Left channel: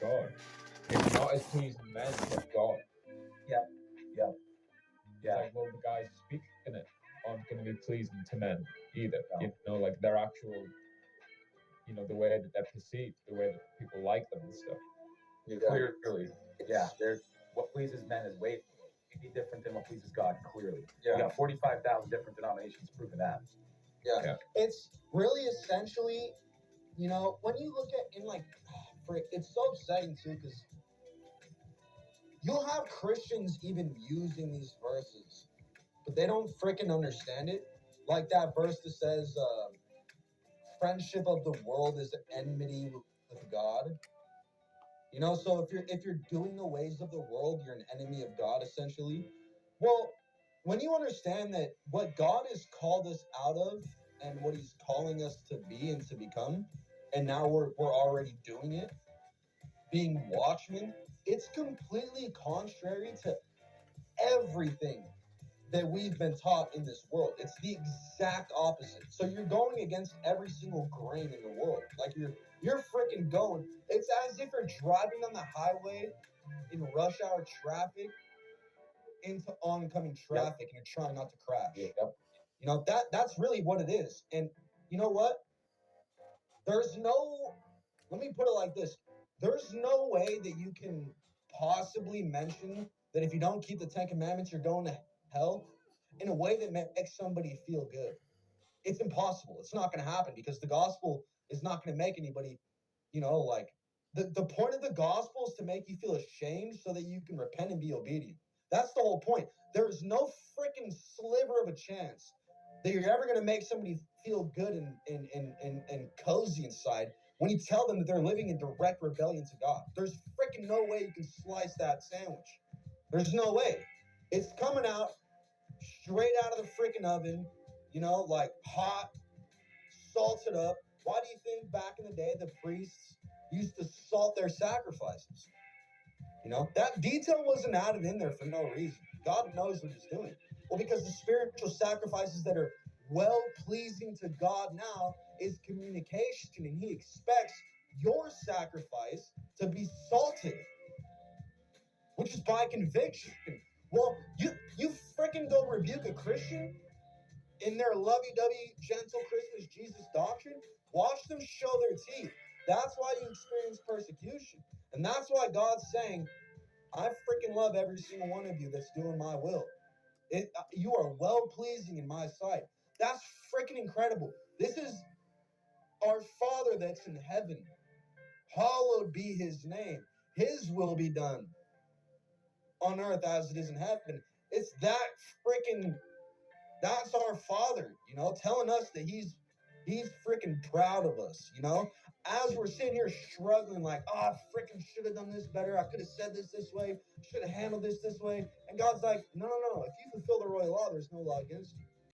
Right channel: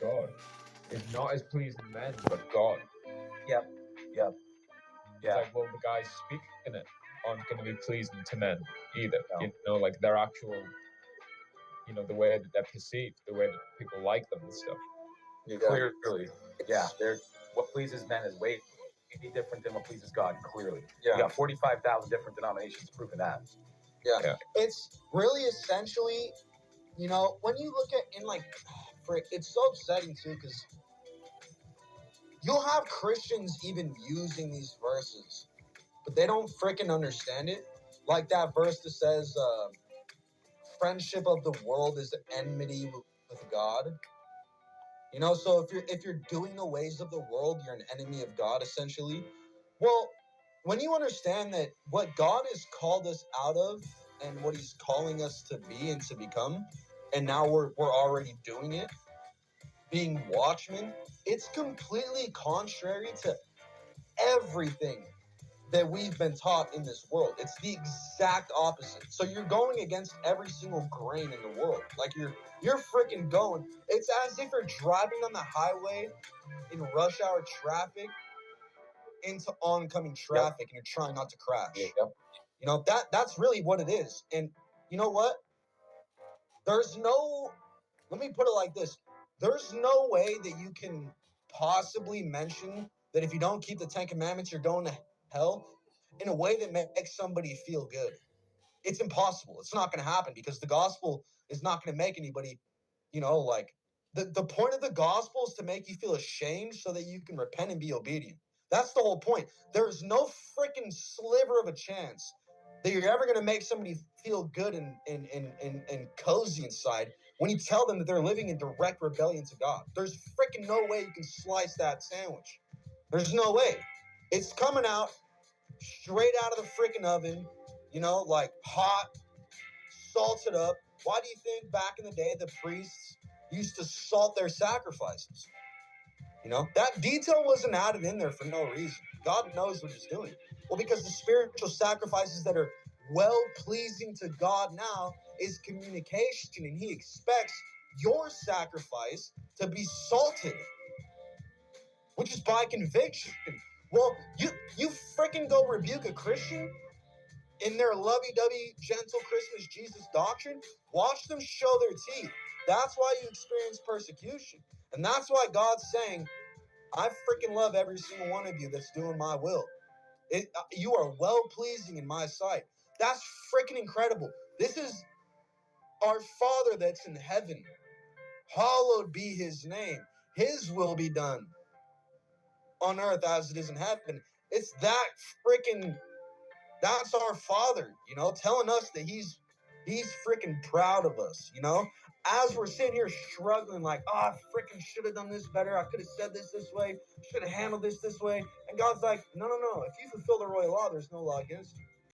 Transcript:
God. It's not as pleasing men, but God. Yeah. Yeah. It's Yeah. like, well, the guys speaking it aren't going to be pleasing to men either. No. You know, like their actual, the way that they're perceived, the way that people like them and stuff. Clearly. Yeah. What pleases men is way different than what pleases God, clearly. Yeah. You got 45,000 different denominations proving that. Yeah. It's really essentially, when you look at it's so upsetting too, because you'll have Christians even using these verses, but they don't freaking understand it. Like that verse that says, friendship of the world is enmity with God. So if you're doing the ways of the world, you're an enemy of God, essentially. Well, when you understand that what God has called us out of and what he's calling us to be and to become, and now we're already doing it, being watchmen, it's completely contrary to everything that we've been taught in this world. It's the exact opposite. So you're going against every single grain in the world. Like you're freaking going. It's as if you're driving on the highway in rush hour traffic into oncoming traffic, and you're trying not to crash. Yep. That's really what it is. And you know what? Let me put it like this. There's no way that you can possibly mention that if you don't keep the 10 Commandments, you're going to hell in a way that makes somebody feel good. It's impossible. It's not going to happen because the gospel is not going to make anybody, the point of the gospel is to make you feel ashamed so that you can repent and be obedient. That's the whole point. There's no freaking sliver of a chance that you're ever going to make somebody feel good and cozy inside when you tell them that they're living in direct rebellion to God. There's freaking no way you can slice that sandwich. There's no way. It's coming out straight out of the freaking oven, like hot, salted up. Why do you think back in the day the priests used to salt their sacrifices? That detail wasn't added in there for no reason. God knows what he's doing. Well, because the spiritual sacrifices that are well-pleasing to God now is communication, and he expects your sacrifice to be salted, which is by conviction. Well, you freaking go rebuke a Christian in their lovey-dovey, gentle Christmas Jesus doctrine, watch them show their teeth. That's why you experience persecution. And that's why God's saying, I freaking love every single one of you that's doing my will. You are well-pleasing in my sight. That's freaking incredible. This is our Father that's in heaven. Hallowed be his name. His will be done on earth as it is in heaven. It's that's our Father, telling us that he's freaking proud of us, as we're sitting here struggling like, I freaking should have done this better. I could have said this way, should have handled this way. And God's like, no. If you fulfill the royal law, there's no law against you.